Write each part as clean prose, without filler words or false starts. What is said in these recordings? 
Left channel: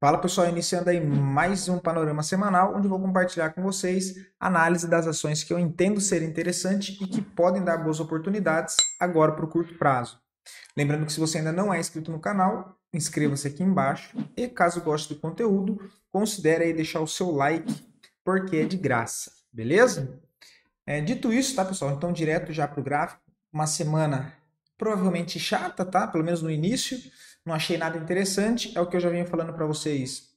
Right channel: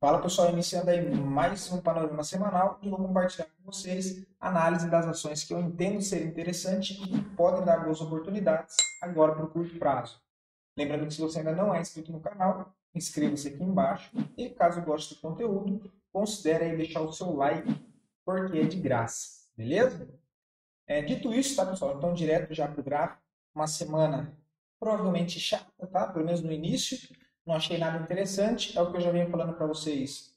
Fala pessoal, iniciando aí mais um panorama semanal, onde eu vou compartilhar com vocês análise das ações que eu entendo ser interessante e que podem dar boas oportunidades agora para o curto prazo. Lembrando que se você ainda não é inscrito no canal, inscreva-se aqui embaixo e caso goste do conteúdo, considere aí deixar o seu like, porque é de graça, beleza? Dito isso, tá pessoal? Então direto já para o gráfico, uma semana provavelmente chata, tá? Pelo menos no início, não achei nada interessante, é o que eu já vinha falando para vocês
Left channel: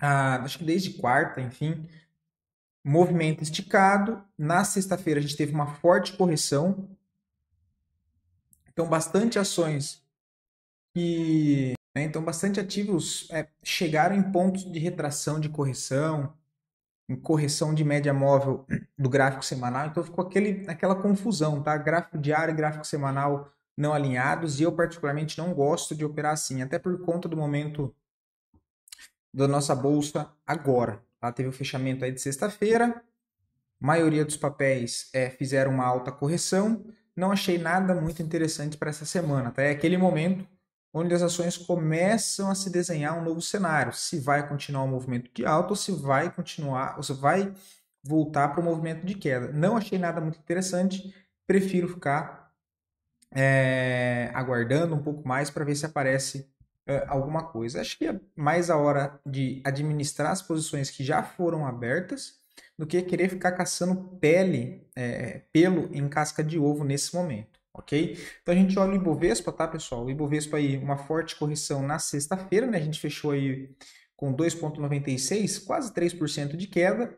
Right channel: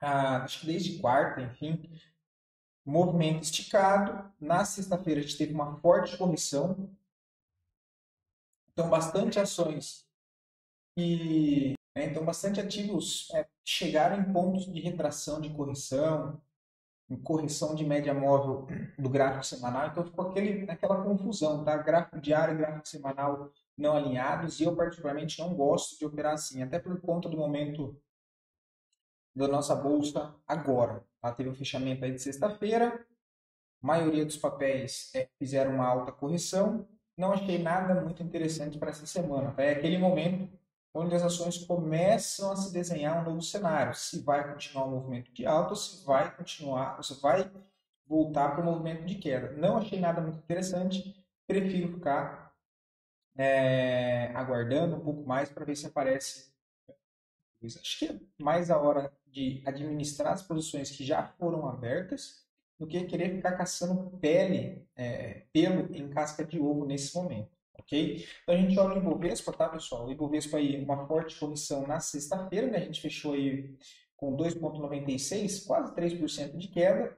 acho que desde quarta, enfim, movimento esticado. Na sexta-feira a gente teve uma forte correção, então bastante ações então bastante ativos chegaram em pontos de retração, de correção, em correção de média móvel do gráfico semanal, então ficou aquela confusão, tá? Gráfico diário e gráfico semanal não alinhados, e eu particularmente não gosto de operar assim, até por conta do momento da nossa bolsa agora. Tá? Teve o fechamento aí de sexta-feira, a maioria dos papéis fizeram uma alta correção. Não achei nada muito interessante para essa semana. Tá? É aquele momento onde as ações começam a se desenhar um novo cenário. Se vai continuar o movimento de alta ou se vai continuar, ou se vai voltar para o movimento de queda. Não achei nada muito interessante. Prefiro ficar aguardando um pouco mais para ver se aparece alguma coisa. Acho que é mais a hora de administrar as posições que já foram abertas do que querer ficar caçando pelo em casca de ovo nesse momento, ok? Então a gente olha o Ibovespa, tá, pessoal? O Ibovespa aí, uma forte correção na sexta-feira, né? A gente fechou aí com 2,96, quase 3% de queda.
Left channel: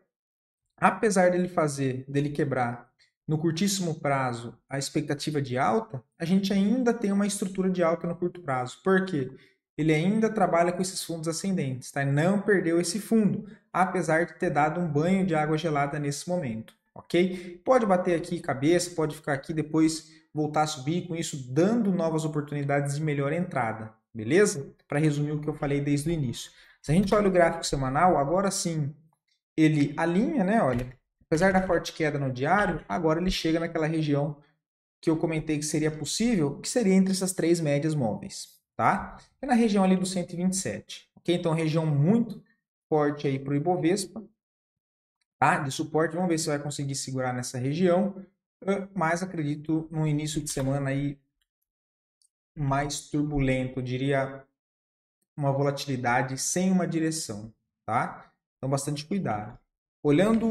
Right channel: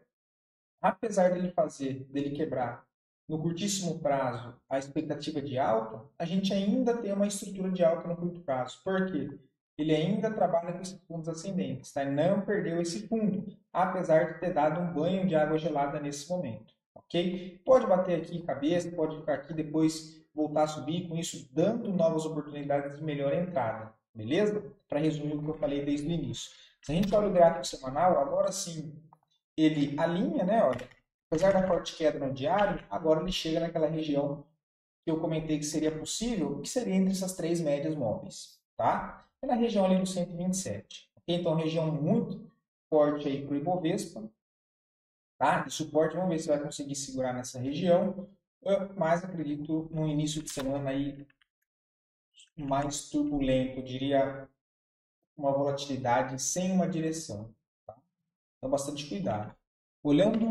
Apesar dele quebrar no curtíssimo prazo a expectativa de alta, a gente ainda tem uma estrutura de alta no curto prazo. Por quê? Ele ainda trabalha com esses fundos ascendentes, tá? Não perdeu esse fundo, apesar de ter dado um banho de água gelada nesse momento, ok? Pode bater aqui cabeça, pode ficar aqui depois voltar a subir, com isso dando novas oportunidades de melhor entrada, beleza? Para resumir o que eu falei desde o início. Se a gente olha o gráfico semanal, agora sim ele alinha, né? Olha, apesar da forte queda no diário, agora ele chega naquela região que eu comentei que seria possível, que seria entre essas três médias móveis, tá? É na região ali do 127, ok? Então, região muito forte aí para o Ibovespa, tá? De suporte, vamos ver se vai conseguir segurar nessa região, mas acredito no início de semana aí mais turbulento, eu diria uma volatilidade sem uma direção, tá? Então, bastante cuidado. Olhando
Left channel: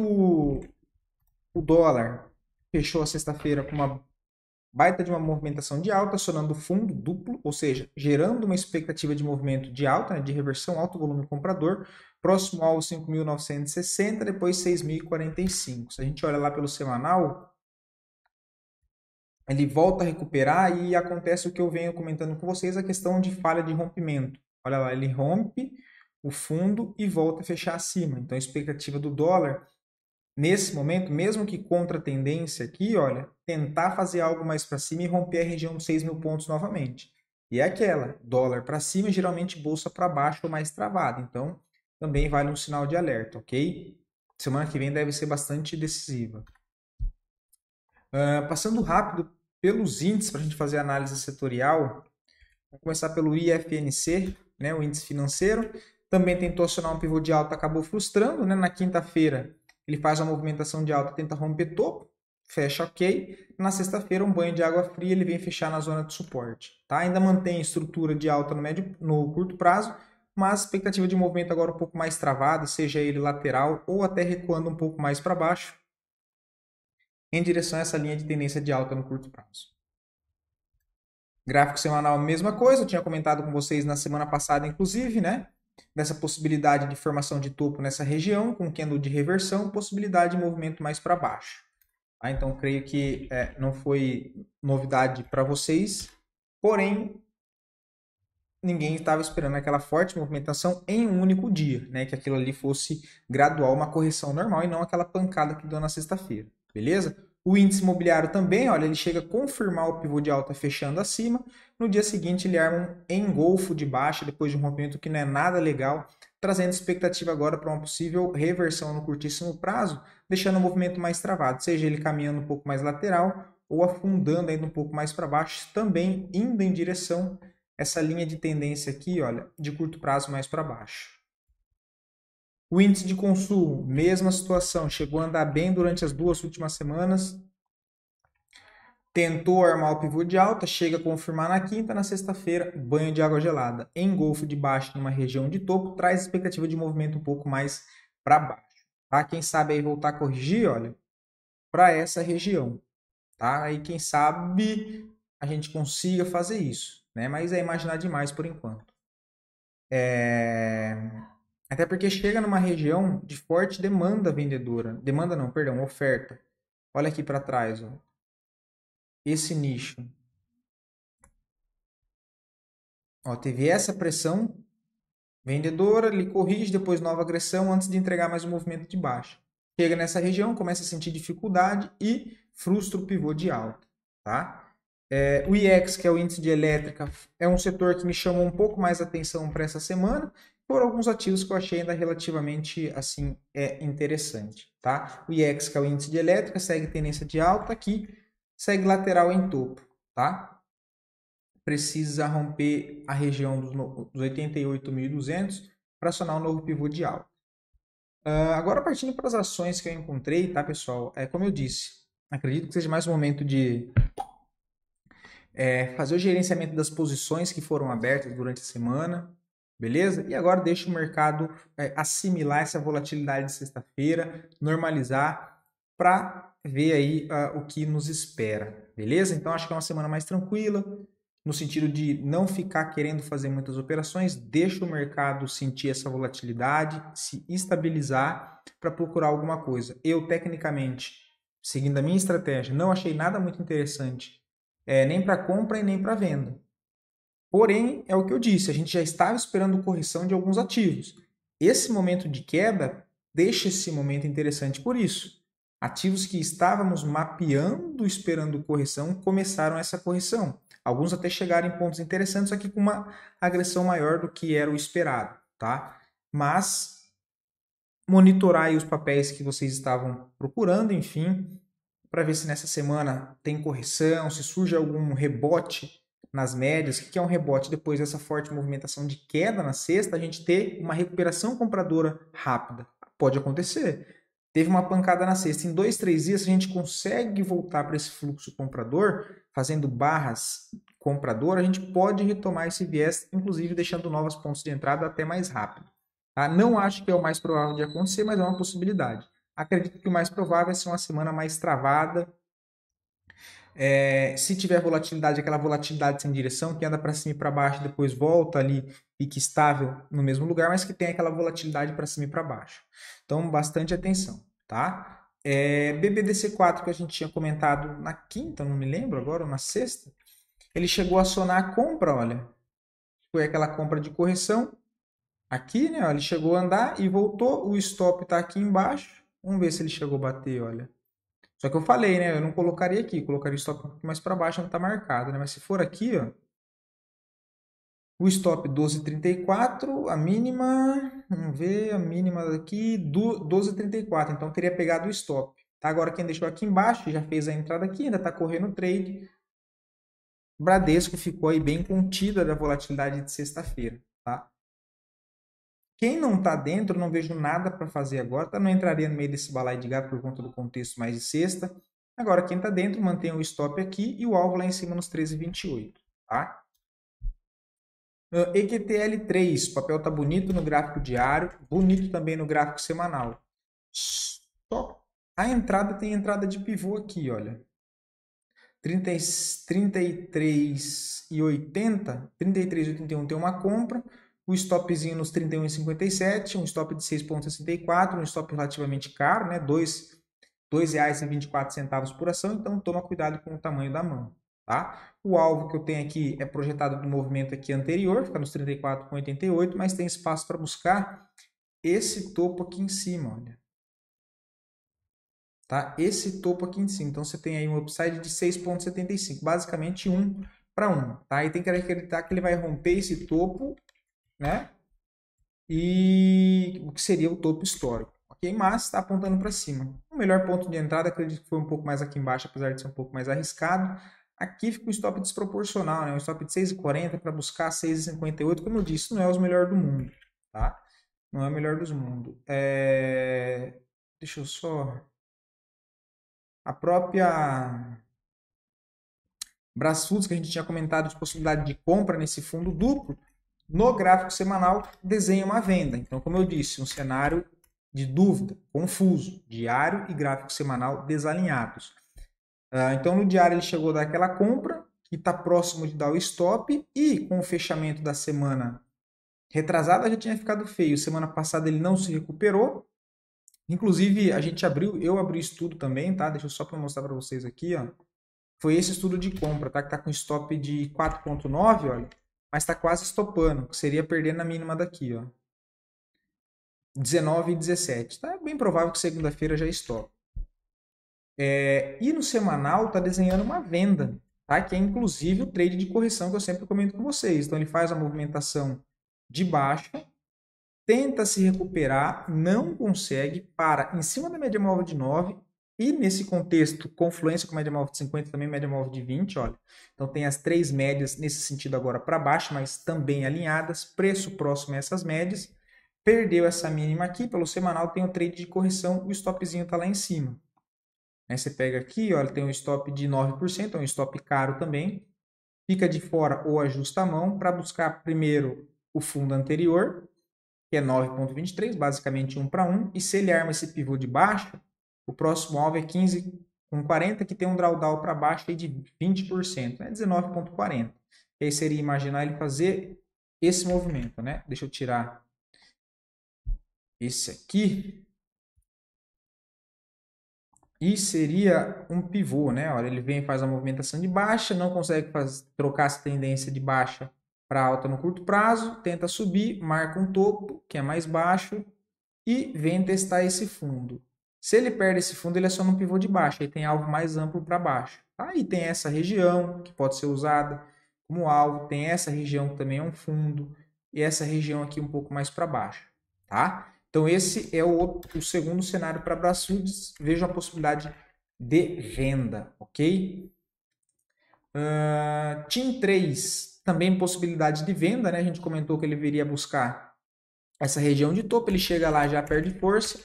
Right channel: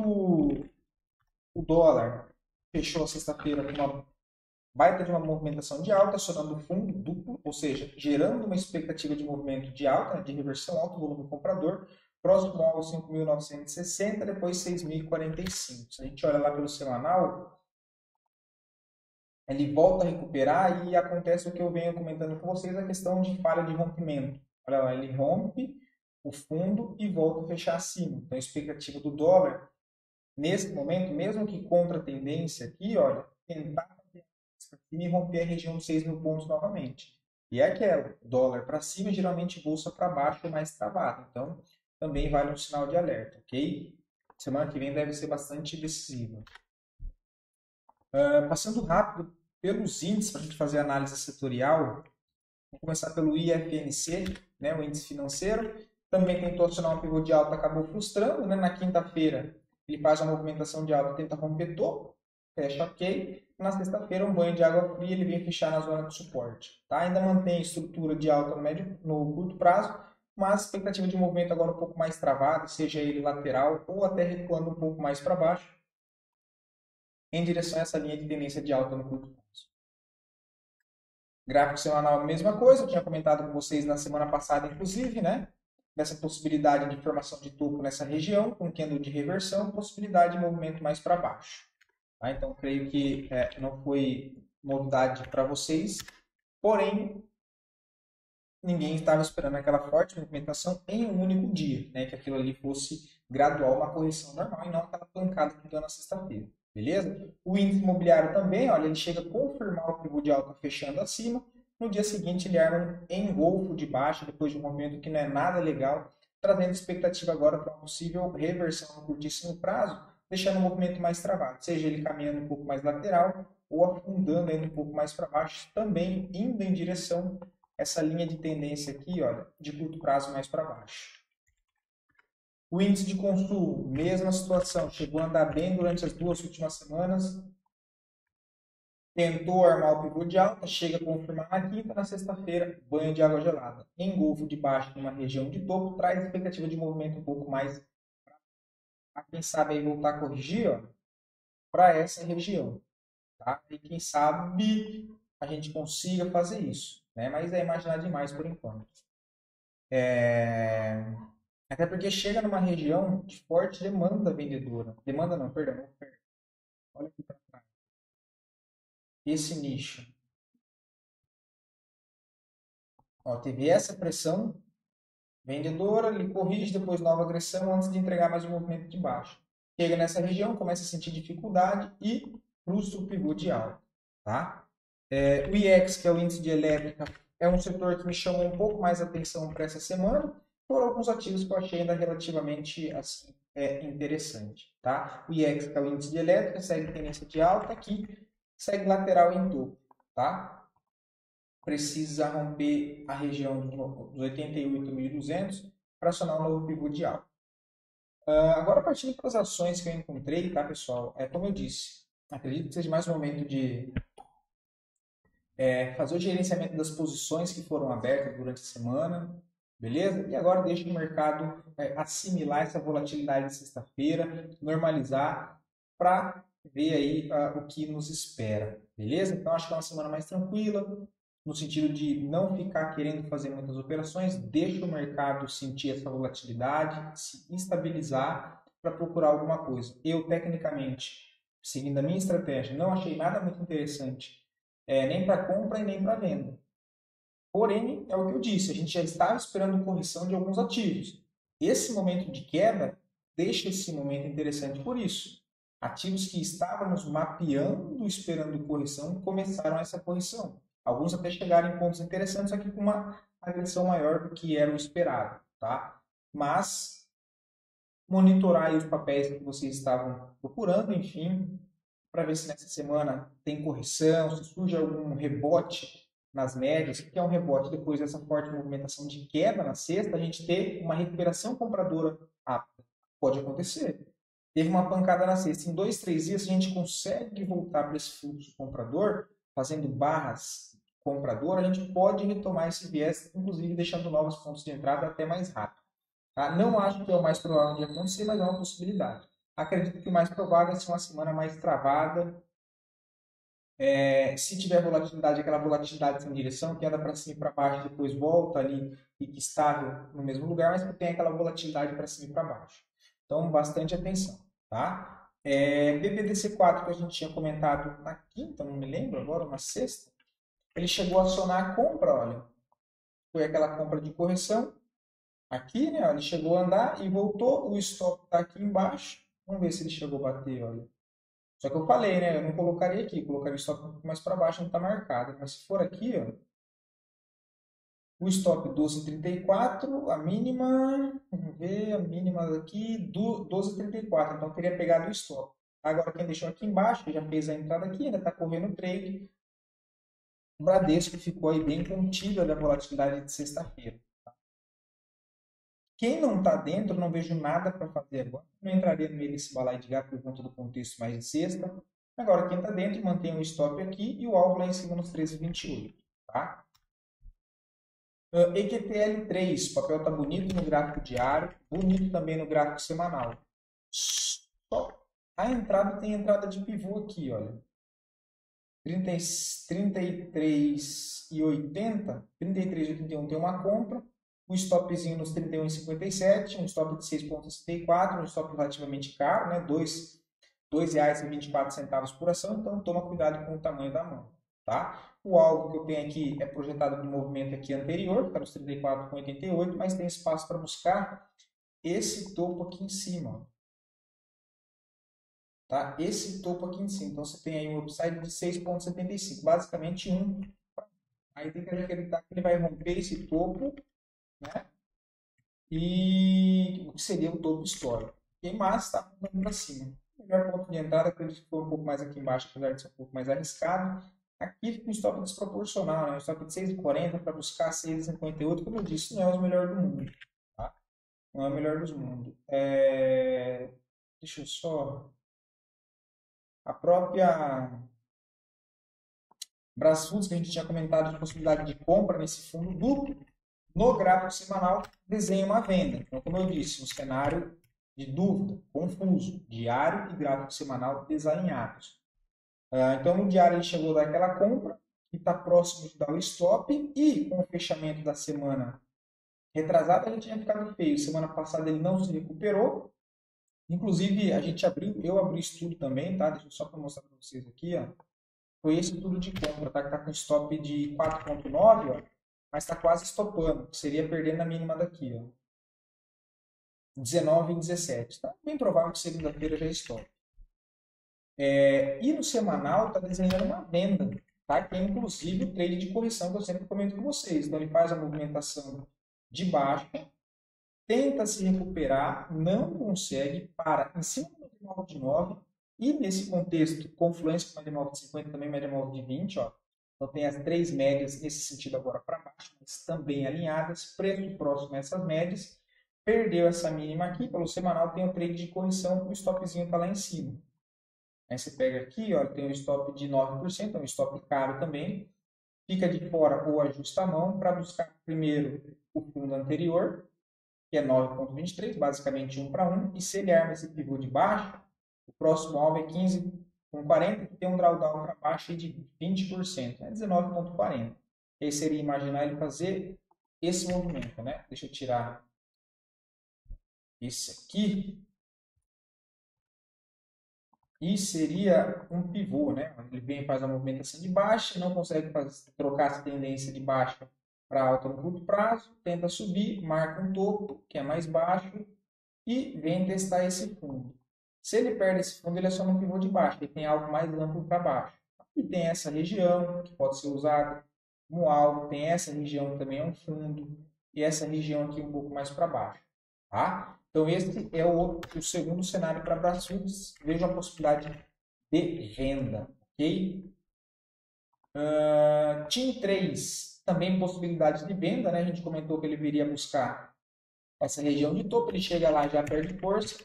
o dólar, fechou a sexta-feira com uma baita de uma movimentação de alta, acionando fundo duplo, ou seja, gerando uma expectativa de movimento de alta, né, de reversão, alto volume comprador, próximo ao 5.960, depois 6.045. Se a gente olha lá pelo semanal, ele volta a recuperar e acontece o que eu venho comentando com vocês, a questão de falha de rompimento. Olha lá, ele rompe o fundo e volta a fechar acima. Então, a expectativa do dólar nesse momento, mesmo que contra a tendência aqui, olha, tentar fazer algo mais para cima e romper a região dos 6.000 pontos novamente. E é aquela, dólar para cima, geralmente bolsa para baixo ou mais travada. Então, também vale um sinal de alerta, ok? Semana que vem deve ser bastante decisiva. Passando rápido pelos índices para a gente fazer a análise setorial, vou começar pelo IFNC, né, o índice financeiro. Também tentou acionar um pivô de alta, acabou frustrando, né? Na quinta-feira ele faz uma movimentação de alta, tenta romper topo, fecha ok. Na sexta-feira um banho de água fria, ele vem fechar na zona de suporte, tá? Ainda mantém estrutura de alta no curto prazo, mas expectativa de movimento agora um pouco mais travada, seja ele lateral ou até recuando um pouco mais para baixo, em direção a essa linha de tendência de alta no curto prazo. Gráfico semanal, mesma coisa, eu tinha comentado com vocês na semana passada, inclusive, né? Dessa possibilidade de formação de topo nessa região, com candle de reversão, possibilidade de movimento mais para baixo. Tá? Então, creio que não foi novidade para vocês, porém, ninguém estava esperando aquela forte movimentação em um único dia, né? Que aquilo ali fosse gradual, uma correção normal e não aquela pancada que deu na sexta-feira, beleza? O índice imobiliário também, olha, ele chega a confirmar o pivô de alta fechando acima, no dia seguinte ele arma um engolfo de baixa depois de um movimento que não é nada legal, trazendo expectativa agora para uma possível reversão no curtíssimo prazo, deixando o movimento mais travado, seja ele caminhando um pouco mais lateral ou afundando ainda um pouco mais para baixo, também indo em direção essa linha de tendência aqui, olha, de curto prazo mais para baixo. O índice de consumo, mesma situação, chegou a andar bem durante as 2 últimas semanas, tentou armar o pivô de alta, chega a confirmar na quinta, na sexta-feira, banho de água gelada. Engolfo de baixo numa região de topo, traz expectativa de movimento um pouco mais para baixo. Tá? Quem sabe aí voltar a corrigir, olha, para essa região. Tá? Aí quem sabe a gente consiga fazer isso, né? Mas é imaginar demais por enquanto. Até porque chega numa região de forte demanda vendedora. Demanda não, perdão, oferta. Olha aqui para trás, ó. Esse nicho. Ó, teve essa pressão vendedora, ele corrige, depois nova agressão antes de entregar mais um movimento de baixa. Chega nessa região, começa a sentir dificuldade e frustra o pivô de alta. Tá? O IEX, que é o índice de elétrica, é um setor que me chamou um pouco mais atenção para essa semana, por alguns ativos que eu achei ainda relativamente assim, interessante. Tá? O IEX, que é o índice de elétrica, segue tendência de alta aqui, segue lateral em topo. Tá? Precisa romper a região dos 88.200 para acionar um novo pivô de alta. Agora, partindo para as ações que eu encontrei, tá, pessoal? Como eu disse, acredito que seja mais um momento de fazer o gerenciamento das posições que foram abertas durante a semana, beleza? E agora deixa o mercado assimilar essa volatilidade de sexta-feira, normalizar, para ver aí o que nos espera, beleza? Então, acho que é uma semana mais tranquila, no sentido de não ficar querendo fazer muitas operações, deixa o mercado sentir essa volatilidade, se estabilizar para procurar alguma coisa. Eu, tecnicamente, seguindo a minha estratégia, não achei nada muito interessante, nem para compra e nem para venda. Porém, é o que eu disse, a gente já estava esperando correção de alguns ativos. Esse momento de queda deixa esse momento interessante por isso. Ativos que estávamos mapeando, esperando correção, começaram essa correção. Alguns até chegaram em pontos interessantes, aqui com uma agressão maior do que era o esperado, tá? Mas monitorar aí os papéis que vocês estavam procurando, enfim, para ver se nessa semana tem correção, se surge algum rebote nas médias. O que é um rebote? Depois dessa forte movimentação de queda na sexta, a gente ter uma recuperação compradora rápida. Pode acontecer. Teve uma pancada na sexta. Em 2, 3 dias, a gente consegue voltar para esse fluxo comprador, fazendo barras comprador, a gente pode retomar esse viés, inclusive deixando novos pontos de entrada até mais rápido. Tá? Não acho que é o mais provável de acontecer, mas é uma possibilidade. Acredito que o mais provável é ser uma semana mais travada. Se tiver volatilidade, aquela volatilidade sem direção, que anda para cima e para baixo, depois volta ali, fica estável no mesmo lugar, mas que tem aquela volatilidade para cima e para baixo. Então, bastante atenção, tá? BBDC4, que a gente tinha comentado na quinta, não me lembro agora, ou na sexta, ele chegou a acionar a compra, olha. Foi aquela compra de correção. Aqui, né? Ó, ele chegou a andar e voltou. O stop está aqui embaixo. Vamos ver se ele chegou a bater, olha. Só que eu falei, né? Eu não colocaria aqui, colocaria o stop um pouco mais para baixo, não está marcado, né? Mas se for aqui, ó, o stop 12,34, a mínima, vamos ver, a mínima daqui, 12,34. Então, eu teria pegado o stop. Tá? Agora, quem deixou aqui embaixo, já fez a entrada aqui, ainda está correndo o trade. O Bradesco ficou aí bem contida da volatilidade de sexta-feira, tá? Quem não está dentro, não vejo nada para fazer agora, tá? Não entraria no meio desse balaio de gato por conta do contexto mais de sexta. Agora, quem está dentro, mantém o stop aqui e o alvo lá em cima nos 13,28, tá? EQTL3, o papel tá bonito no gráfico diário, bonito também no gráfico semanal. Só a entrada tem entrada de pivô aqui, olha. 33,80, 33,81 tem uma compra, o stopzinho nos 31,57, um stop de 6,64, um stop relativamente caro, né? R$ 2,24 por ação, então toma cuidado com o tamanho da mão, tá? O alvo que eu tenho aqui é projetado do movimento aqui anterior, fica nos 34,88, mas tem espaço para buscar esse topo aqui em cima, olha. Tá? Esse topo aqui em cima. Então, você tem aí um upside de 6,75, basicamente 1 para 1. Tá? E tem que acreditar que ele vai romper esse topo, né? E o que seria o topo histórico. Ok? Mas está apontando para cima. O melhor ponto de entrada, acredito que foi um pouco mais aqui embaixo, apesar de ser um pouco mais arriscado. Aqui fica o stop desproporcional, né? Um stop de 6,40 para buscar 6,58. Como eu disse, não é os melhores do mundo, tá? Não é o melhor dos mundos. Deixa eu só... A própria Brasfoods, que a gente tinha comentado de possibilidade de compra nesse fundo duplo, no gráfico semanal desenha uma venda. Então, como eu disse, um cenário de dúvida, confuso, diário e gráfico semanal desalinhados. Então, no diário ele chegou a dar aquela compra, que está próximo de dar o stop, e com o fechamento da semana retrasada já tinha ficado feio. Semana passada ele não se recuperou. Inclusive, eu abri estudo também, tá? Deixa eu só para mostrar para vocês aqui, ó. Foi esse estudo de compra, tá? Que tá com stop de 4,9, olha, mas está quase estopando, que seria perder na mínima daqui, ó. 19 e 17. Tá? É bem provável que segunda-feira já estope. E no semanal está desenhando uma venda, tá? Que é inclusive o trade de correção que eu sempre comento com vocês. Então ele faz a movimentação de baixo, tenta se recuperar, não consegue, para em cima da média móvel de 9 e nesse contexto, confluência com média móvel de 50 também média móvel de 20, olha. Então tem as três médias nesse sentido agora para baixo, mas também alinhadas, preço próximo a essas médias. Perdeu essa mínima aqui, pelo semanal tem o trade de correção, o stopzinho está lá em cima. Aí você pega aqui, olha, tem um stop de 9%, é um stop caro também. Fica de fora ou ajusta a mão para buscar primeiro o fundo anterior, que é 9,23, basicamente 1 para 1. E se ele arma esse pivô de baixo, o próximo alvo é 15,40, que tem um drawdown para baixo de 20%, é 19,40. E aí seria imaginar ele fazer esse movimento, né? Deixa eu tirar esse aqui. E seria um pivô, né? Olha, ele vem e faz a movimentação de baixa, não consegue trocar essa tendência de baixa para alta no curto prazo, tenta subir, marca um topo, que é mais baixo, e vem testar esse fundo. Se ele perde esse fundo, ele é só um pivô de baixo, aí tem alvo mais amplo para baixo. Aí tem essa região, que pode ser usada como alvo, tem essa região que também é um fundo, e essa região aqui um pouco mais para baixo, tá? Então esse é o segundo cenário para Brasfoods. Vejo a possibilidade de venda, ok? TIM 3, também possibilidade de venda, né? A gente comentou que ele viria buscar essa região de topo, ele chega lá, já perde força.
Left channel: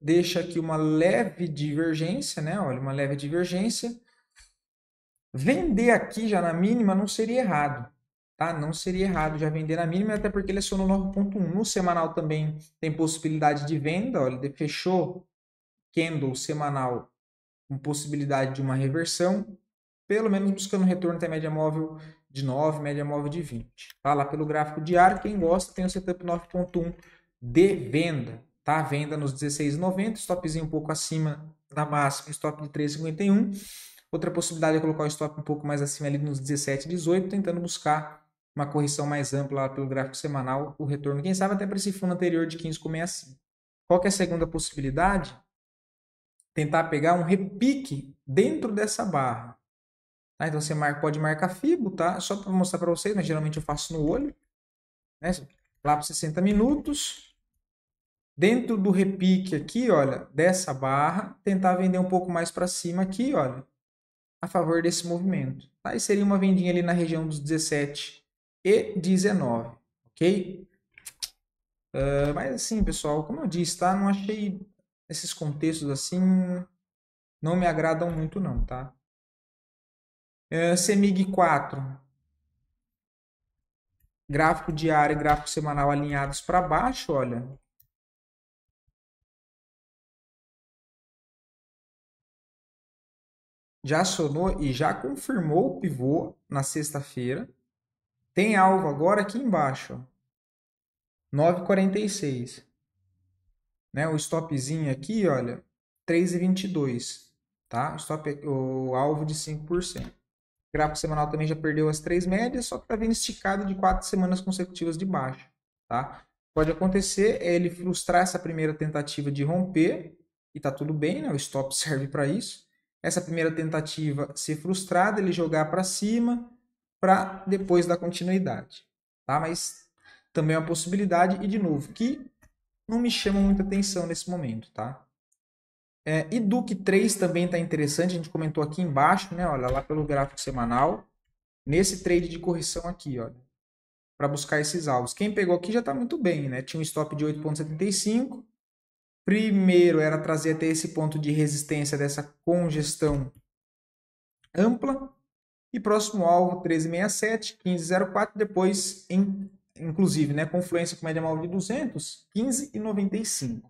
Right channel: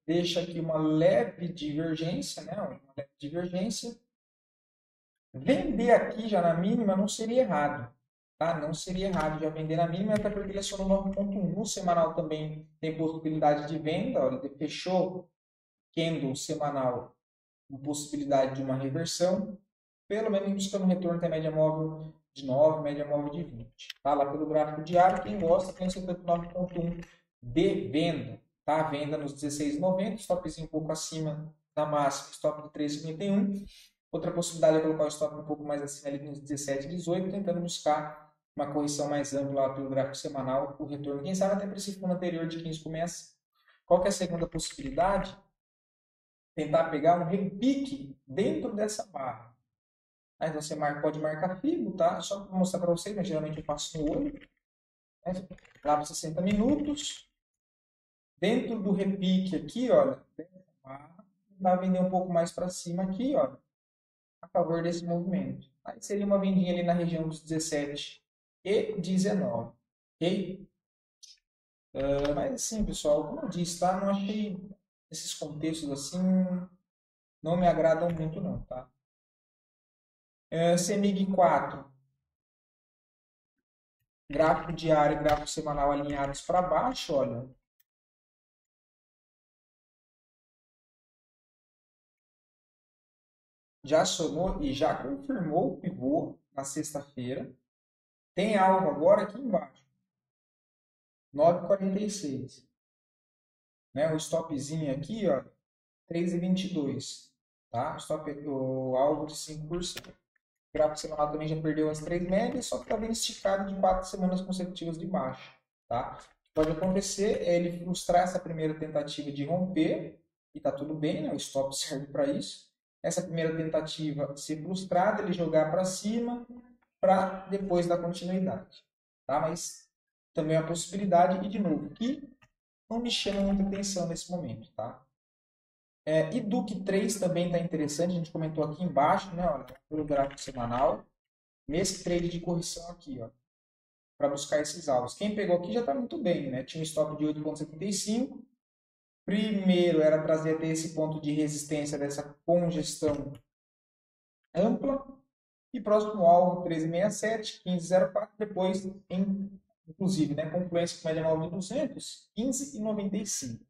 Deixa aqui uma leve divergência, né? Olha, uma leve divergência. Vender aqui já na mínima não seria errado, tá? Não seria errado já vender na mínima, até porque ele é só no 9,1. No semanal também tem possibilidade de venda, olha, ele fechou candle semanal com possibilidade de uma reversão, pelo menos buscando retorno até média móvel de 9, média móvel de 20. Tá lá pelo gráfico diário, quem gosta tem o setup 9,1 de venda, tá? Venda nos 16,90, stopzinho um pouco acima da máxima, stop de 13,51. Outra possibilidade é colocar o stop um pouco mais acima ali nos 17,18, tentando buscar uma correção mais ampla lá pelo gráfico semanal, o retorno, quem sabe até para esse fundo anterior de 15,65. Qual que é a segunda possibilidade? Tentar pegar um repique dentro dessa barra. Tá? Então você pode marcar FIBO, tá? Só para mostrar para vocês, mas geralmente eu faço no olho. Né? Lá para 60 minutos. Dentro do repique aqui, olha, dessa barra, tentar vender um pouco mais para cima aqui, olha, a favor desse movimento. Tá? E seria uma vendinha ali na região dos 17 e 19, ok? Mas assim, pessoal, como eu disse, tá? Não achei esses contextos assim, não me agradam muito não, tá? CEMIG 4, gráfico diário e gráfico semanal alinhados para baixo, olha. Já acionou e já confirmou o pivô na sexta-feira. Tem alvo agora aqui embaixo, ó, 9,46. Né? O stopzinho aqui, olha, 3,22. Tá? O alvo de 5%. O gráfico semanal também já perdeu as três médias, só que está vendo esticado de 4 semanas consecutivas de baixa. Tá? Pode acontecer ele frustrar essa primeira tentativa de romper, e está tudo bem, né? O stop serve para isso. Essa primeira tentativa ser frustrada, ele jogar para cima, para depois dar continuidade. Tá? Mas também é uma possibilidade, e de novo, que não me chama muita atenção nesse momento, tá? E Duque 3 também está interessante, a gente comentou aqui embaixo, né? Olha lá pelo gráfico semanal, nesse trade de correção aqui, olha, para buscar esses alvos. Quem pegou aqui já está muito bem, né? Tinha um stop de 8,75. Primeiro era trazer até esse ponto de resistência dessa congestão ampla. E próximo alvo 13,67, 15,04. Depois, inclusive, né, confluência com média móvel de 200, 15,95.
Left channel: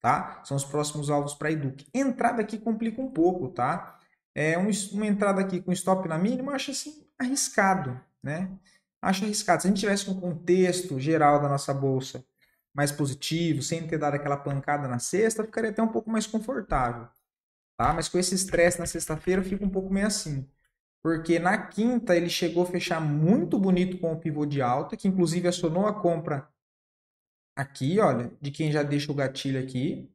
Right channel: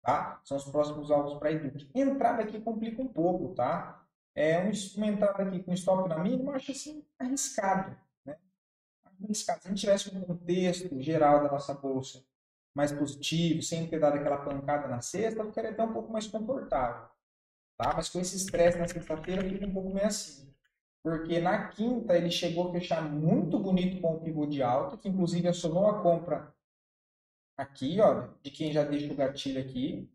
Tá? São os próximos alvos para Eduque. Entrada aqui complica um pouco, tá? Uma entrada aqui com stop na mínima, acho assim arriscado, né? Acho arriscado. Se a gente tivesse um contexto geral da nossa bolsa mais positivo, sem ter dado aquela pancada na sexta, ficaria até um pouco mais confortável, tá? Mas com esse estresse na sexta-feira, fica um pouco meio assim. Porque na quinta ele chegou a fechar muito bonito com o pivô de alta, que inclusive acionou a compra aqui, olha, de quem já deixa o gatilho aqui,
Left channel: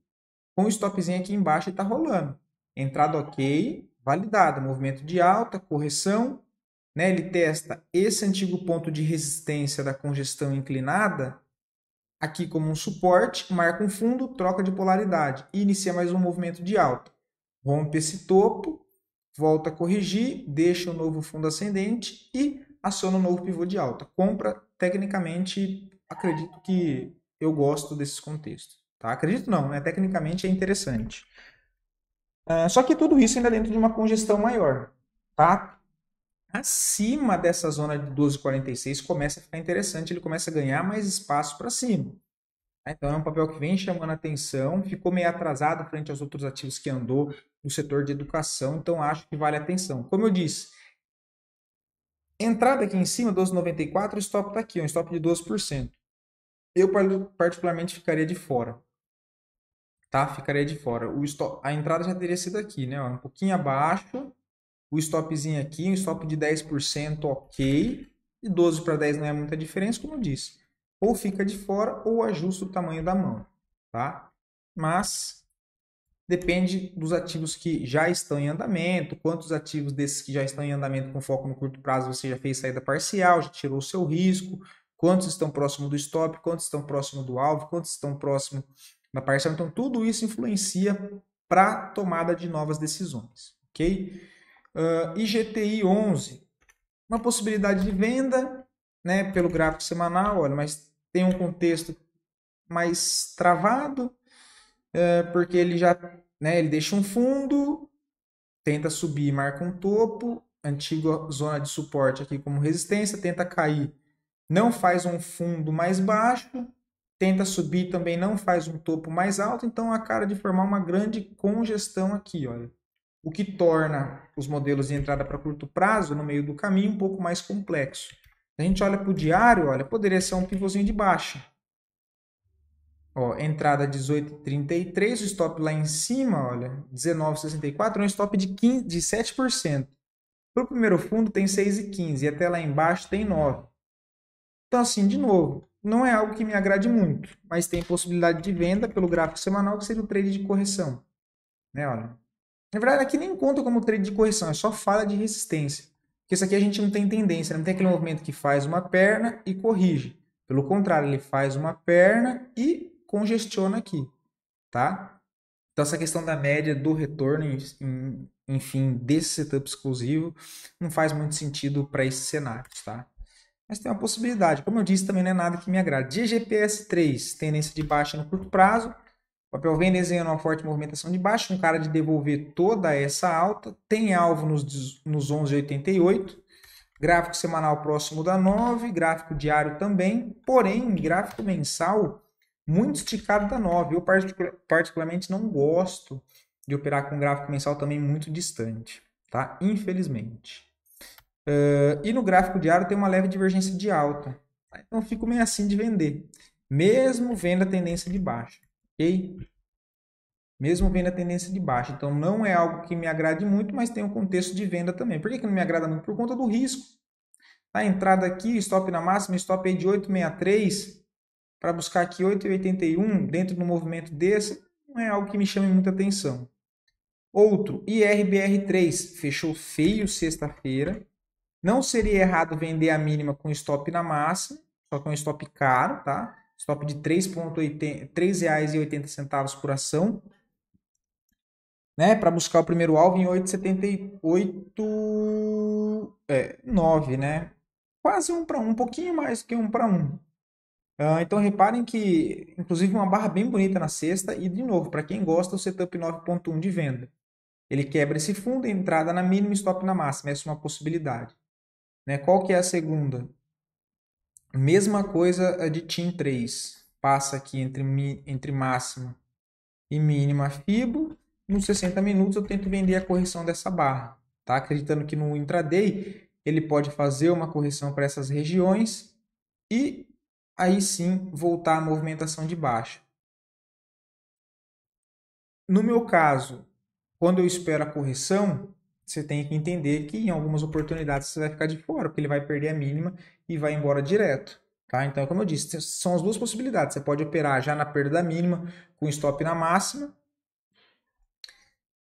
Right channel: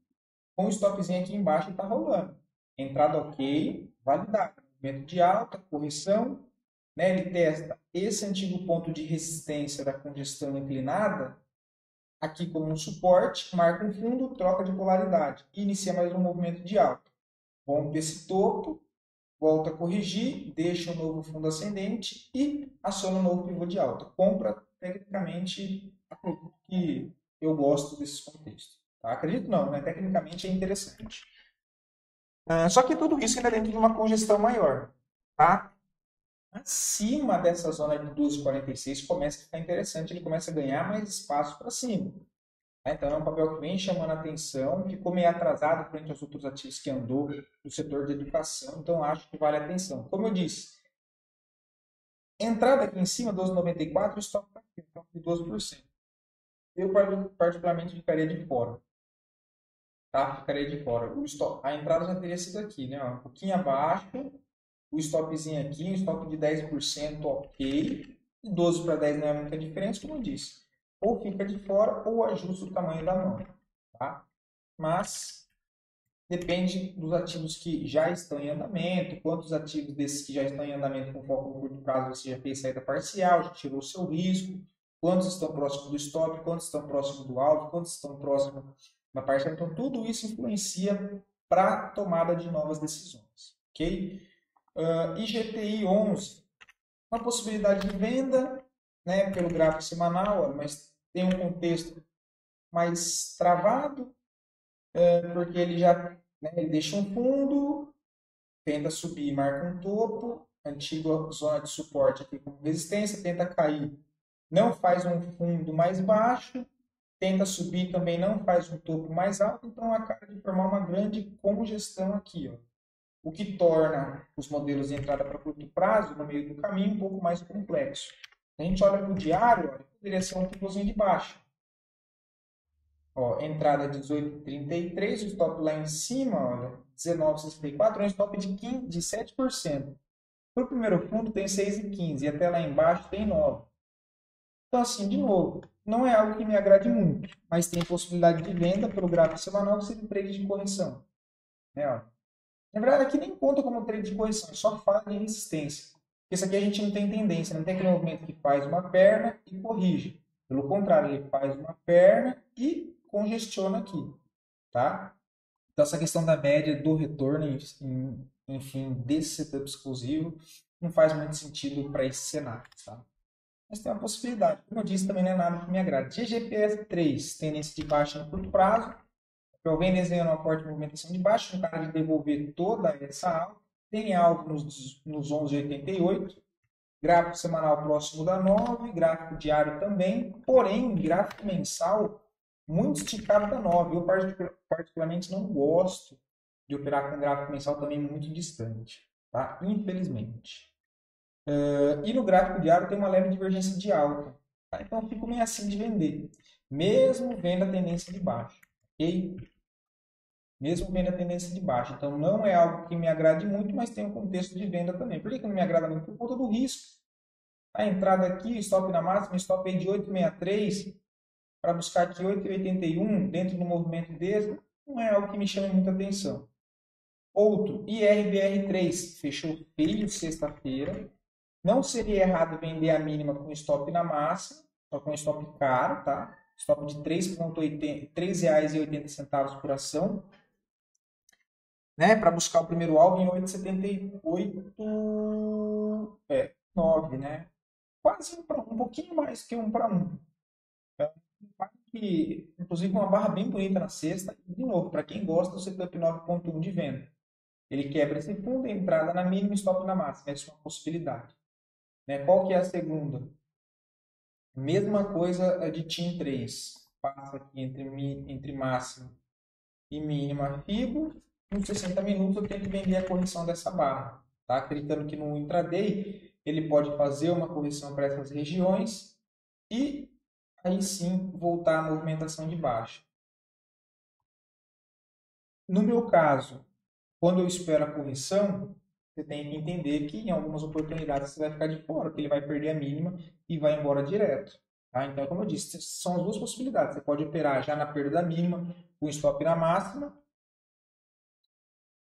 com o stopzinho aqui embaixo e está rolando. Entrada ok, validada, movimento de alta, correção, né? Ele testa esse antigo ponto de resistência da congestão inclinada aqui como um suporte, marca um fundo, troca de polaridade e inicia mais um movimento de alta. Rompe esse topo, volta a corrigir, deixa um novo fundo ascendente e aciona um novo pivô de alta. Compra, tecnicamente, acredito que eu gosto desses contextos. Tá? Acredito não, né? Tecnicamente é interessante. Só que tudo isso ainda dentro de uma congestão maior. Tá? Acima dessa zona de 12,46 começa a ficar interessante, ele começa a ganhar mais espaço para cima. Então é um papel que vem chamando a atenção, ficou meio atrasado frente aos outros ativos que andou no setor de educação, então acho que vale a atenção. Como eu disse, entrada aqui em cima, 12,94, o stop está aqui, um stop de 12%. Eu particularmente ficaria de fora, tá? Ficaria de fora. A entrada já teria sido aqui, né? Um pouquinho abaixo, o stopzinho aqui, um stop de 10% ok, e 12 para 10 não é muita diferença, como eu disse. Ou fica de fora ou ajusta o tamanho da mão, tá? Mas depende dos ativos que já estão em andamento, quantos ativos desses que já estão em andamento com foco no curto prazo você já fez saída parcial, já tirou o seu risco, quantos estão próximo do stop, quantos estão próximo do alvo, quantos estão próximo da parcial. Então, tudo isso influencia para a tomada de novas decisões, ok? IGTI 11, uma possibilidade de venda, né, pelo gráfico semanal, olha, mas tem um contexto mais travado, porque ele já, né, ele deixa um fundo, tenta subir, marca um topo, antiga zona de suporte aqui como resistência, tenta cair, não faz um fundo mais baixo, tenta subir também, não faz um topo mais alto, então a cara de formar uma grande congestão aqui, olha. O que torna os modelos de entrada para curto prazo, no meio do caminho, um pouco mais complexo. Se a gente olha para o diário, olha, poderia ser um pivôzinho de baixa. Ó, entrada 18,33, o stop lá em cima, olha, 19,64, é um stop de 7%. Para o primeiro fundo tem 6,15 e até lá embaixo tem 9. Então, assim, de novo, não é algo que me agrade muito, mas tem possibilidade de venda pelo gráfico semanal, que seria o trade de correção. Né, olha. Na verdade, aqui nem conta como trade de correção, é só fala de resistência. Porque isso aqui a gente não tem tendência, não tem aquele movimento que faz uma perna e corrige. Pelo contrário, ele faz uma perna e congestiona aqui, tá? Então, essa questão da média do retorno, enfim, desse setup exclusivo, não faz muito sentido para esses cenários, tá? Mas tem uma possibilidade. Como eu disse, também não é nada que me agrade. GGPS 3, tendência de baixa no curto prazo. O papel vem desenhando uma forte movimentação de baixa, um cara de devolver toda essa alta. Tem alvo nos 11,88. Gráfico semanal próximo da 9, gráfico diário também, porém, gráfico mensal muito esticado da 9. Eu particularmente não gosto de operar com gráfico mensal também muito distante, tá? Infelizmente. E no gráfico diário tem uma leve divergência de alta, tá? Então eu fico meio assim de vender, mesmo vendo a tendência de baixa, ok? Mesmo vendo a tendência de baixa. Então não é algo que me agrade muito, mas tem um contexto de venda também. Por que não me agrada muito? Por conta do risco. A entrada aqui, stop na máxima, stop aí de 8,63 para buscar aqui 8,81 dentro do movimento desse, não é algo que me chame muita atenção. Outro, IRBR3, fechou feio sexta-feira. Não seria errado vender a mínima com stop na máxima, só com stop caro, tá? Stop de R$ 3,80 por ação. né, para buscar o primeiro alvo em 8,78, 9, né? Quase 1 para 1, um pouquinho mais que 1 para 1. Então reparem que, inclusive, uma barra bem bonita na sexta e, de novo, para quem gosta, o setup 9,1 de venda. Ele quebra esse fundo, entrada na mínima e stop na máxima. Essa é uma possibilidade. Né? Qual que é a segunda? Mesma coisa a de TIM 3. Passa aqui entre máxima e mínima FIBO. Nos 60 minutos eu tento vender a correção dessa barra. Tá? Acreditando que no intraday ele pode fazer uma correção para essas regiões e aí sim voltar à movimentação de baixa. No meu caso, quando eu espero a correção, você tem que entender que em algumas oportunidades você vai ficar de fora, porque ele vai perder a mínima e vai embora direto. Tá? Então, como eu disse, são as duas possibilidades. Você pode operar já na perda da mínima, com stop na máxima,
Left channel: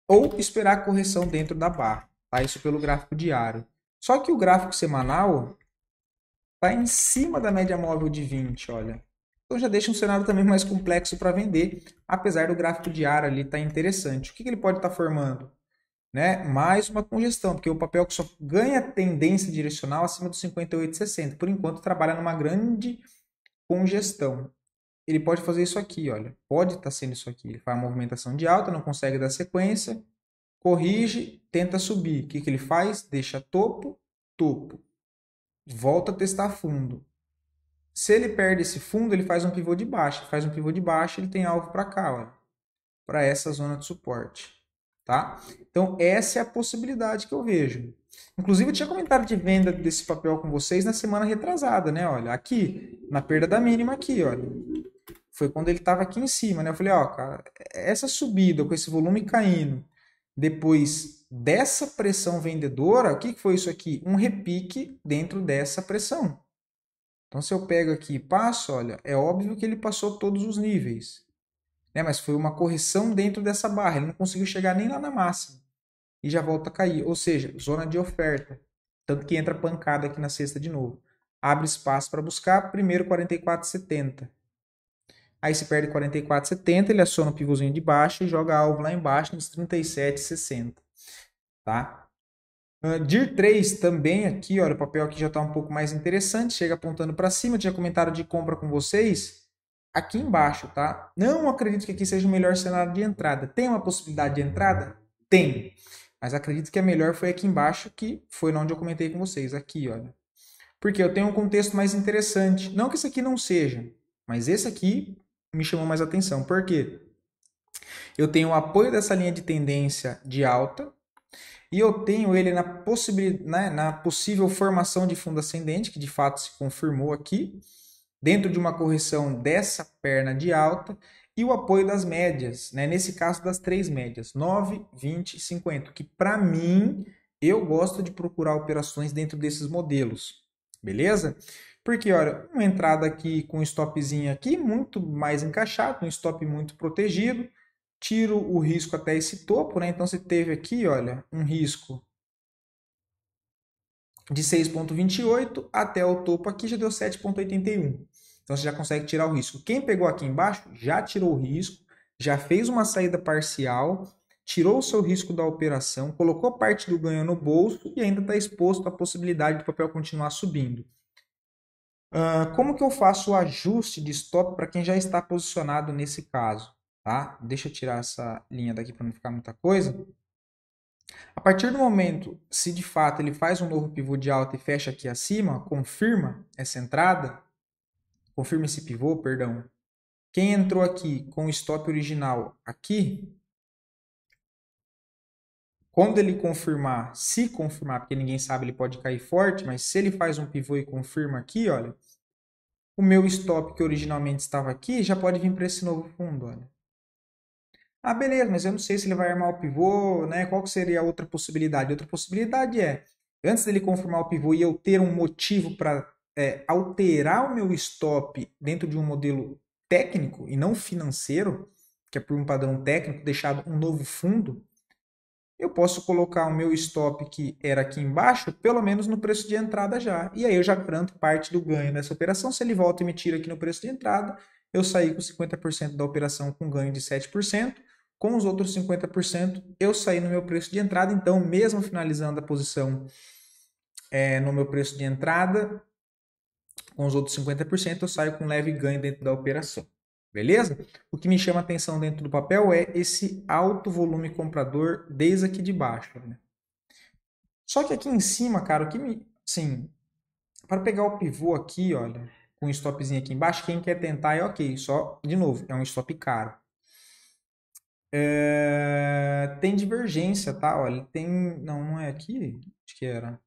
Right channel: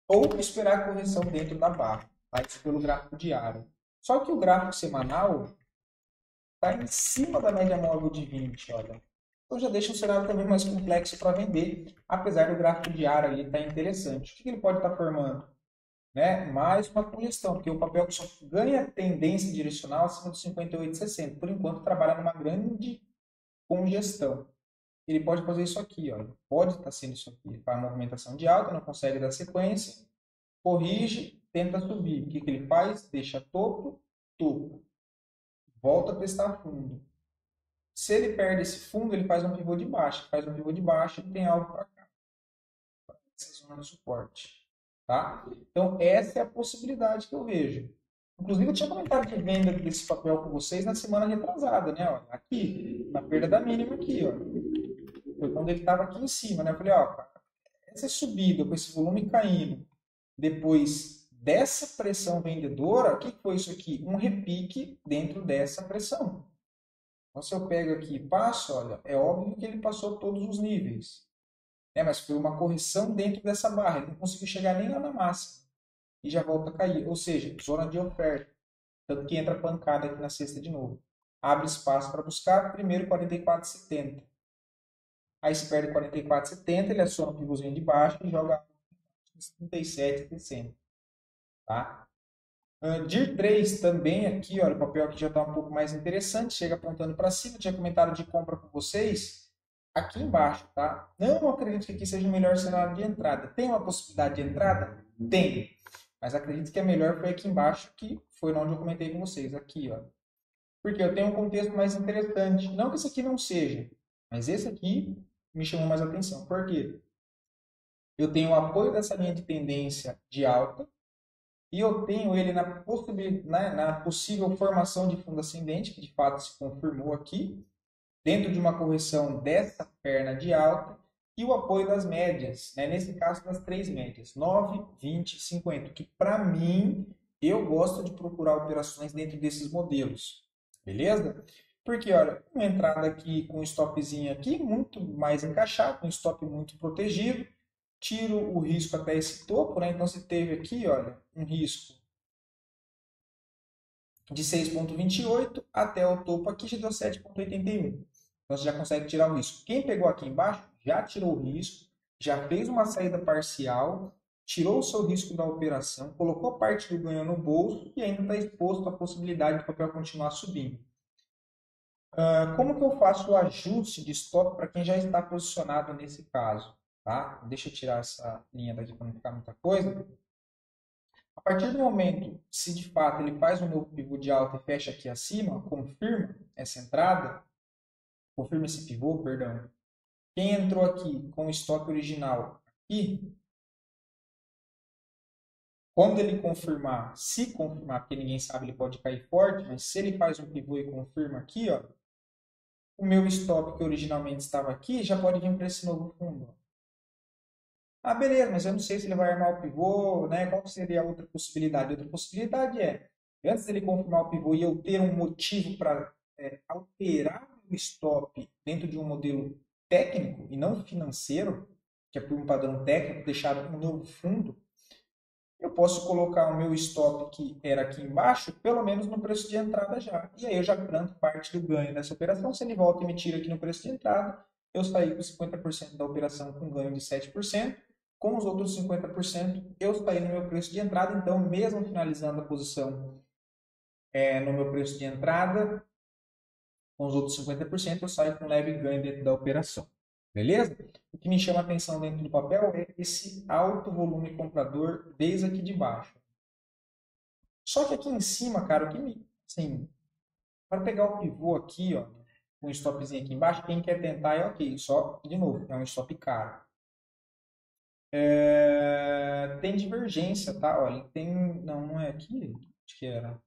ou esperar a correção dentro da barra. Tá? Isso pelo gráfico diário. Só que o gráfico semanal está em cima da média móvel de 20, olha. Então já deixa um cenário também mais complexo para vender, apesar do gráfico diário ali estar interessante. O que ele pode estar formando? Né? Mais uma congestão, porque o papel que só ganha tendência direcional acima dos 58,60. Por enquanto trabalha numa grande congestão. Ele pode fazer isso aqui, olha. Pode estar sendo isso aqui. Ele faz uma movimentação de alta, não consegue dar sequência, corrige, tenta subir. O que ele faz? Deixa topo, topo. Volta a testar fundo. Se ele perde esse fundo, ele faz um pivô de baixa. Faz um pivô de baixa, ele tem alvo para cá, olha, para essa zona de suporte. Tá? Então, essa é a possibilidade que eu vejo. Inclusive, eu tinha comentário de venda desse papel com vocês na semana retrasada, né? Olha, aqui, na perda da mínima aqui, olha. Foi quando ele estava aqui em cima, né? Eu falei, ó, cara, essa subida com esse volume caindo, depois dessa pressão vendedora, o que foi isso aqui? Um repique dentro dessa pressão. Então, se eu pego aqui e passo, olha, é óbvio que ele passou todos os níveis. Né? Mas foi uma correção dentro dessa barra. Ele não conseguiu chegar nem lá na máxima. E já volta a cair. Ou seja, zona de oferta. Tanto que entra pancada aqui na sexta de novo. Abre espaço para buscar. Primeiro 44,70. Aí se perde 44,70, ele aciona o pivôzinho de baixo e joga alvo lá embaixo nos 37,60. Tá? DIR 3 também aqui, olha, o papel aqui já está um pouco mais interessante, chega apontando para cima, eu tinha comentário de compra com vocês, aqui embaixo, tá? Não acredito que aqui seja o melhor cenário de entrada. Tem uma possibilidade de entrada? Tem. Mas acredito que a melhor foi aqui embaixo, que foi onde eu comentei com vocês, aqui, olha. Porque eu tenho um contexto mais interessante. Não que esse aqui não seja, mas esse aqui me chamou mais atenção. Por quê? Eu tenho o apoio dessa linha de tendência de alta, e eu tenho ele na possível formação de fundo ascendente, que de fato se confirmou aqui, dentro de uma correção dessa perna de alta, e o apoio das médias, né? Nesse caso das três médias, 9, 20 e 50, que para mim, eu gosto de procurar operações dentro desses modelos, beleza? Porque, olha, uma entrada aqui com um stopzinho aqui, muito mais encaixado, um stop muito protegido, tiro o risco até esse topo, né? Então você teve aqui, olha, um risco de 6,28 até o topo aqui já deu 7,81. Então você já consegue tirar o risco. Quem pegou aqui embaixo já tirou o risco, já fez uma saída parcial, tirou o seu risco da operação, colocou parte do ganho no bolso e ainda está exposto à possibilidade do papel continuar subindo. Como que eu faço o ajuste de stop para quem já está posicionado nesse caso? Tá? Deixa eu tirar essa linha daqui para não ficar muita coisa. A partir do momento, se de fato ele faz um novo pivô de alta e fecha aqui acima, confirma essa entrada, confirma esse pivô, perdão. Quem entrou aqui com o stop original aqui, quando ele confirmar, se confirmar, porque ninguém sabe, ele pode cair forte, mas se ele faz um pivô e confirma aqui, olha, o meu stop que originalmente estava aqui já pode vir para esse novo fundo, olha. Ah, beleza, mas eu não sei se ele vai armar o pivô, né? Qual que seria a outra possibilidade? Outra possibilidade é, antes dele confirmar o pivô e eu ter um motivo para alterar o meu stop dentro de um modelo técnico e não financeiro, que é por um padrão técnico, deixado um novo fundo, eu posso colocar o meu stop que era aqui embaixo, pelo menos no preço de entrada já. E aí eu já garanto parte do ganho dessa operação. Se ele volta e me tira aqui no preço de entrada, eu saí com 50% da operação com ganho de 7%. Com os outros 50%, eu saí no meu preço de entrada. Então, mesmo finalizando a posição no meu preço de entrada, com os outros 50%, eu saio com leve ganho dentro da operação. Beleza? O que me chama a atenção dentro do papel é esse alto volume comprador desde aqui de baixo. Né? Só que aqui em cima, cara, o que me. Assim, para pegar o pivô aqui, olha, com um stopzinho aqui embaixo, quem quer tentar é ok. Só, de novo, é um stop caro. Tem divergência, tá? Olha, tem. Não é aqui? Acho que era.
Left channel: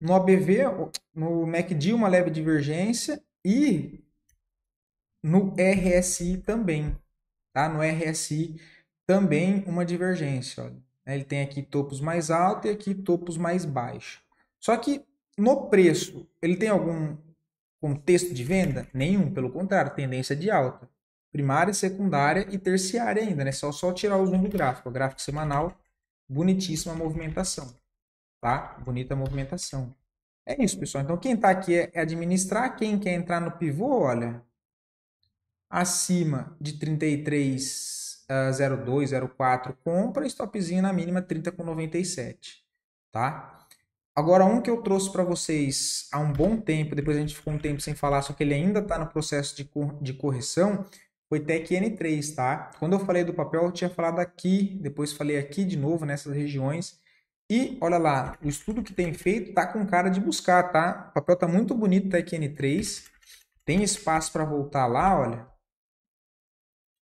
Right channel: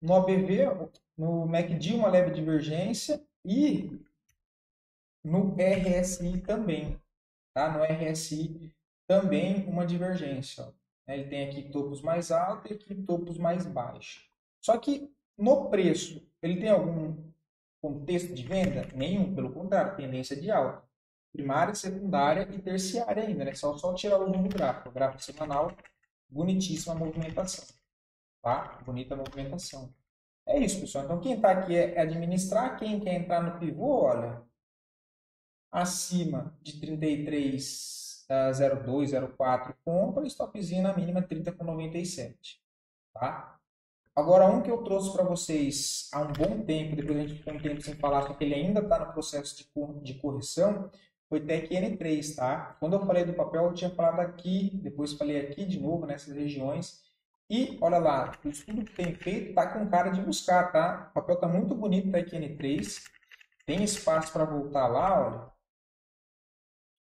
No ABV, no MACD, uma leve divergência e no RSI também, tá? No RSI também uma divergência, olha. Ele tem aqui topos mais altos e aqui topos mais baixos. Só que no preço, ele tem algum contexto de venda? Nenhum, pelo contrário, tendência de alta. Primária, secundária e terciária ainda, né? Só tirar o zoom do gráfico. O gráfico semanal, bonitíssima movimentação, tá? Bonita movimentação. É isso, pessoal. Então, quem está aqui é administrar. Quem quer entrar no pivô, olha, acima de 33,02, 04, compra, stopzinho na mínima 30,97, tá? Agora, um que eu trouxe para vocês há um bom tempo, depois a gente ficou um tempo sem falar, só que ele ainda está no processo de correção, foi TEC N3, tá? Quando eu falei do papel, eu tinha falado aqui, depois falei aqui de novo, nessas regiões. E olha lá, o estudo que tem feito tá com cara de buscar, tá? O papel tá muito bonito, TEC N3. Tem espaço para voltar lá, olha,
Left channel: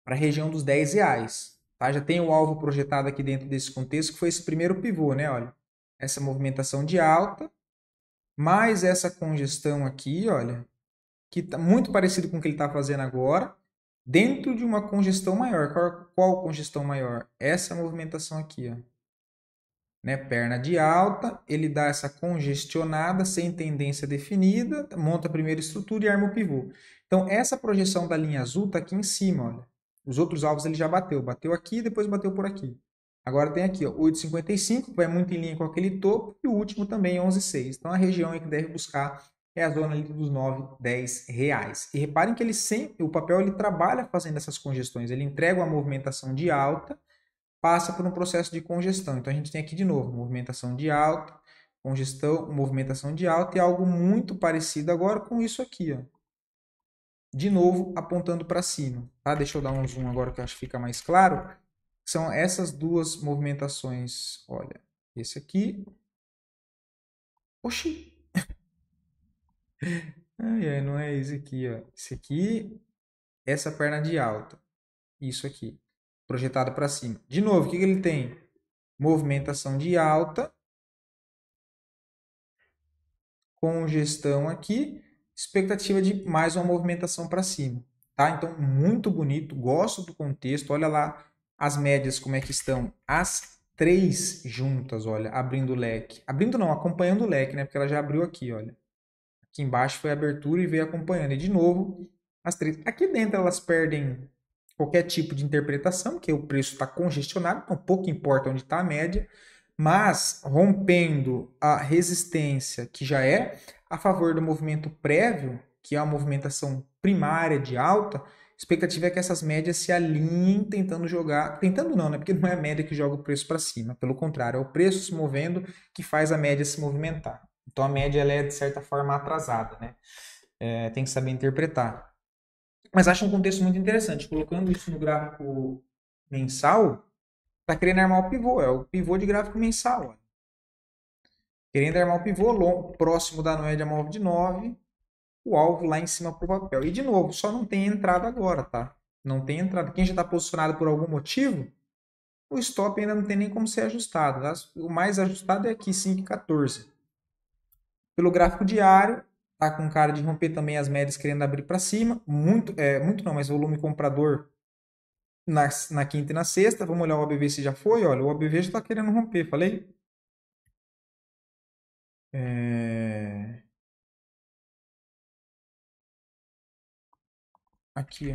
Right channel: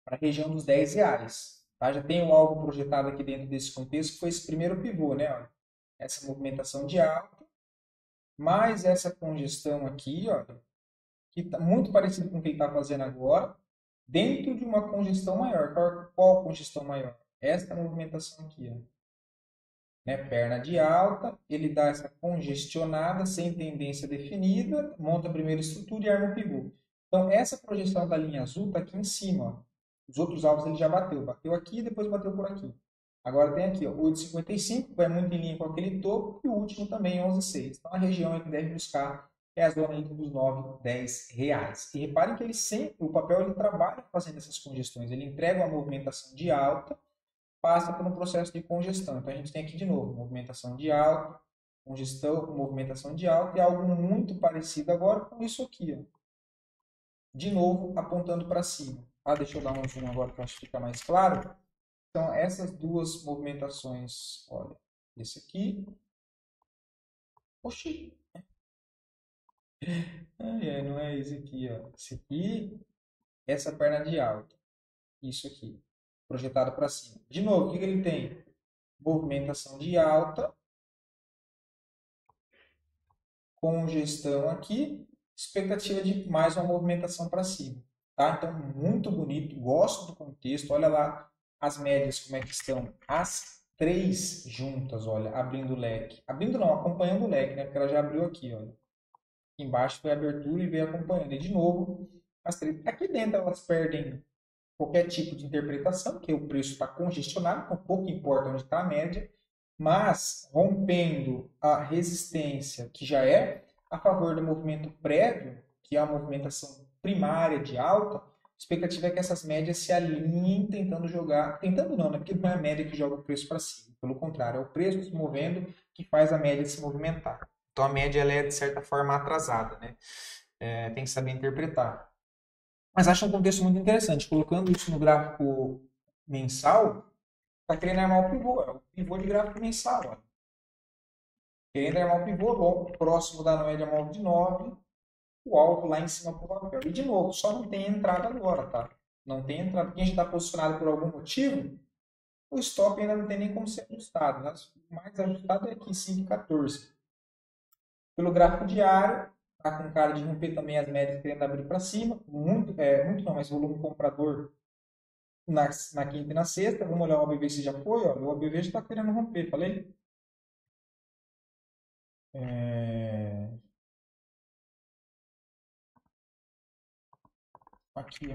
para a região dos R$ 10. Tá? Já tem o alvo projetado aqui dentro desse contexto, que foi esse primeiro pivô, né? Olha, essa movimentação de alta, mais essa congestão aqui, olha, que está muito parecido com o que ele está fazendo agora, dentro de uma congestão maior. Qual congestão maior? Essa movimentação aqui, ó. Né? Perna de alta, ele dá essa congestionada, sem tendência definida, monta a primeira estrutura e arma o pivô. Então, essa projeção da linha azul está aqui em cima, olha. Os outros alvos ele já bateu aqui e depois bateu por aqui. Agora tem aqui, ó, 8,55, que vai muito em linha com aquele topo, e o último também, 11,6. Então, a região que deve buscar é a zona ali dos 9, 10 reais. E reparem que ele sempre, o papel ele trabalha fazendo essas congestões, ele entrega uma movimentação de alta, passa por um processo de congestão. Então a gente tem aqui de novo movimentação de alta, congestão, movimentação de alta e algo muito parecido agora com isso aqui, ó. De novo apontando para cima, tá? Deixa eu dar um zoom agora que eu acho que fica mais claro. São essas duas movimentações, olha, esse aqui. Oxi! Não é esse aqui, ó. Esse aqui, essa perna de alta. Isso aqui, projetado para cima. De novo, o que ele tem? Movimentação de alta, congestão aqui, expectativa de mais uma movimentação para cima, tá? Então, muito bonito, gosto do contexto, olha lá as médias como é que estão, as três juntas, olha, abrindo o leque, abrindo não, acompanhando o leque, né? Porque ela já abriu aqui, olha, aqui embaixo foi a abertura e veio acompanhando, e de novo, as três, aqui dentro elas perdem qualquer tipo de interpretação, que o preço está congestionado, então pouco importa onde está a média, mas rompendo a resistência, que já é a favor do movimento prévio, que é a movimentação primária de alta, a expectativa é que essas médias se alinhem tentando jogar, tentando não, né? Porque não é a média que joga o preço para cima, pelo contrário, é o preço se movendo que faz a média se movimentar. Então a média ela é de certa forma atrasada, né? Tem que saber interpretar. Mas acho um contexto muito interessante. Colocando isso no gráfico mensal, está querendo armar o pivô. É o pivô de gráfico mensal. Ó. Querendo armar o pivô longo, próximo da média móvel de 9, o alvo lá em cima para o papel. E de novo, só não tem entrada agora, tá? Não tem entrada. Quem já está posicionado por algum motivo, o stop ainda não tem nem como ser ajustado. Tá? O mais ajustado é aqui, 5,14. Pelo gráfico diário, tá com cara de romper também as médias querendo abrir para cima. Muito não, mas volume comprador na quinta e na sexta. Vamos olhar o OBV se já foi. Olha, o OBV já está querendo romper, falei? Aqui,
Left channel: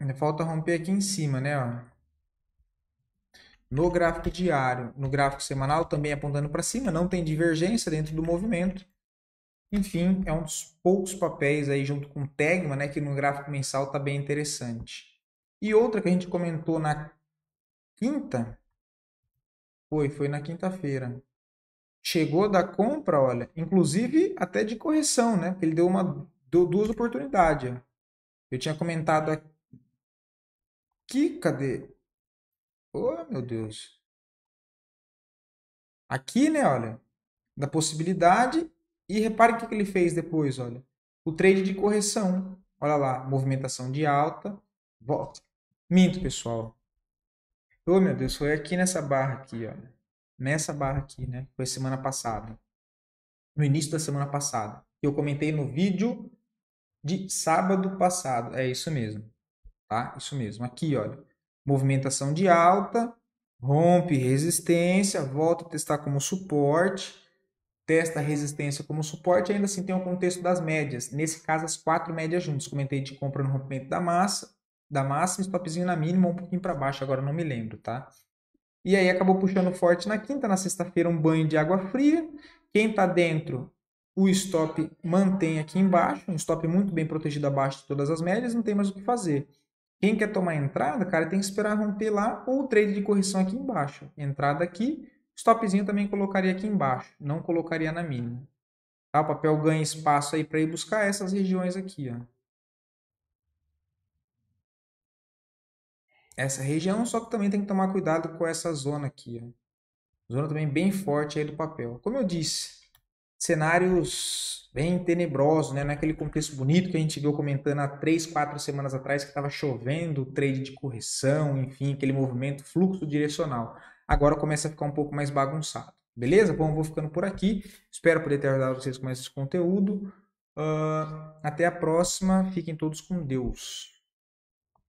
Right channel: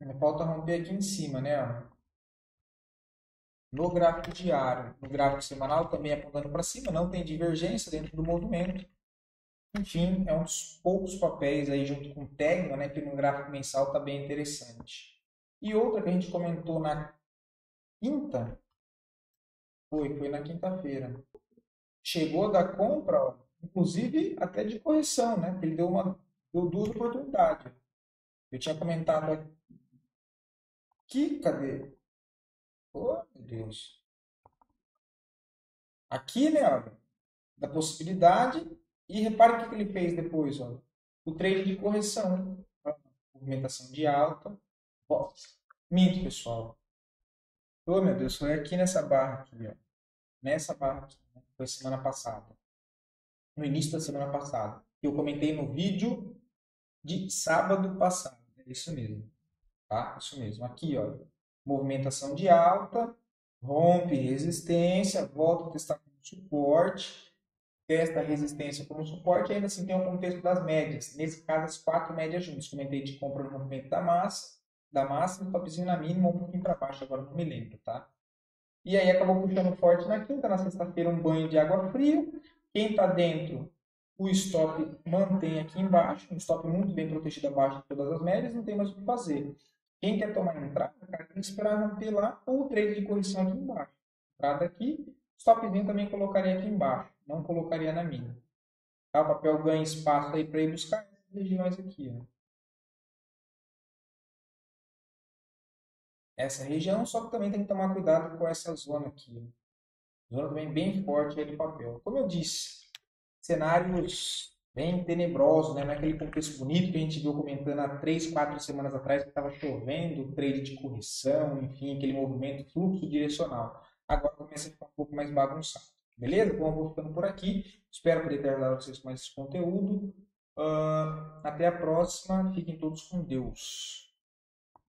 ainda falta romper aqui em cima, né? Ó. No gráfico diário, no gráfico semanal, também apontando para cima, não tem divergência dentro do movimento. Enfim, é um dos poucos papéis aí junto com o Tegma, né, que no gráfico mensal está bem interessante. E outra que a gente comentou na quinta, foi na quinta-feira. Chegou da compra, olha, inclusive até de correção, né? Porque ele deu duas oportunidades. Ó. Eu tinha comentado aqui, cadê? Oh, meu Deus. Aqui, né, olha, da possibilidade. E repare o que ele fez depois, olha. O trade de correção. Olha lá, movimentação de alta. Volta. Minto, pessoal. Oh, meu Deus, foi aqui nessa barra aqui, olha. Nessa barra aqui, né? Foi semana passada. No início da semana passada. Eu comentei no vídeo de sábado passado. É isso mesmo, tá? Isso mesmo. Aqui, olha. Movimentação de alta, rompe resistência, volta a testar como suporte, testa a resistência como suporte, e ainda assim tem o contexto das médias. Nesse caso, as quatro médias juntas. Comentei de compra no rompimento da máxima, stopzinho na mínima, um pouquinho para baixo, agora não me lembro, tá? E aí acabou puxando forte na quinta, na sexta-feira um banho de água fria. Quem está dentro, o stop mantém aqui embaixo, um stop muito bem protegido abaixo de todas as médias, não tem mais o que fazer. Quem quer tomar entrada, cara, tem que esperar romper lá ou o trade de correção aqui embaixo. Entrada aqui, stopzinho também colocaria aqui embaixo, não colocaria na mínima. Tá? O papel ganha espaço aí para ir buscar essas regiões aqui, ó. Essa região, só que também tem que tomar cuidado com essa zona aqui, ó. Zona também bem forte aí do papel. Como eu disse, cenários bem tenebrosos, né? Não é aquele contexto bonito que a gente viu comentando há 3, 4 semanas atrás que estava chovendo, trade de correção, enfim, aquele movimento, fluxo direcional. Agora começa a ficar um pouco mais bagunçado. Beleza? Bom, eu vou ficando por aqui. Espero poder ter ajudado vocês com esse conteúdo. Até a próxima. Fiquem todos com Deus.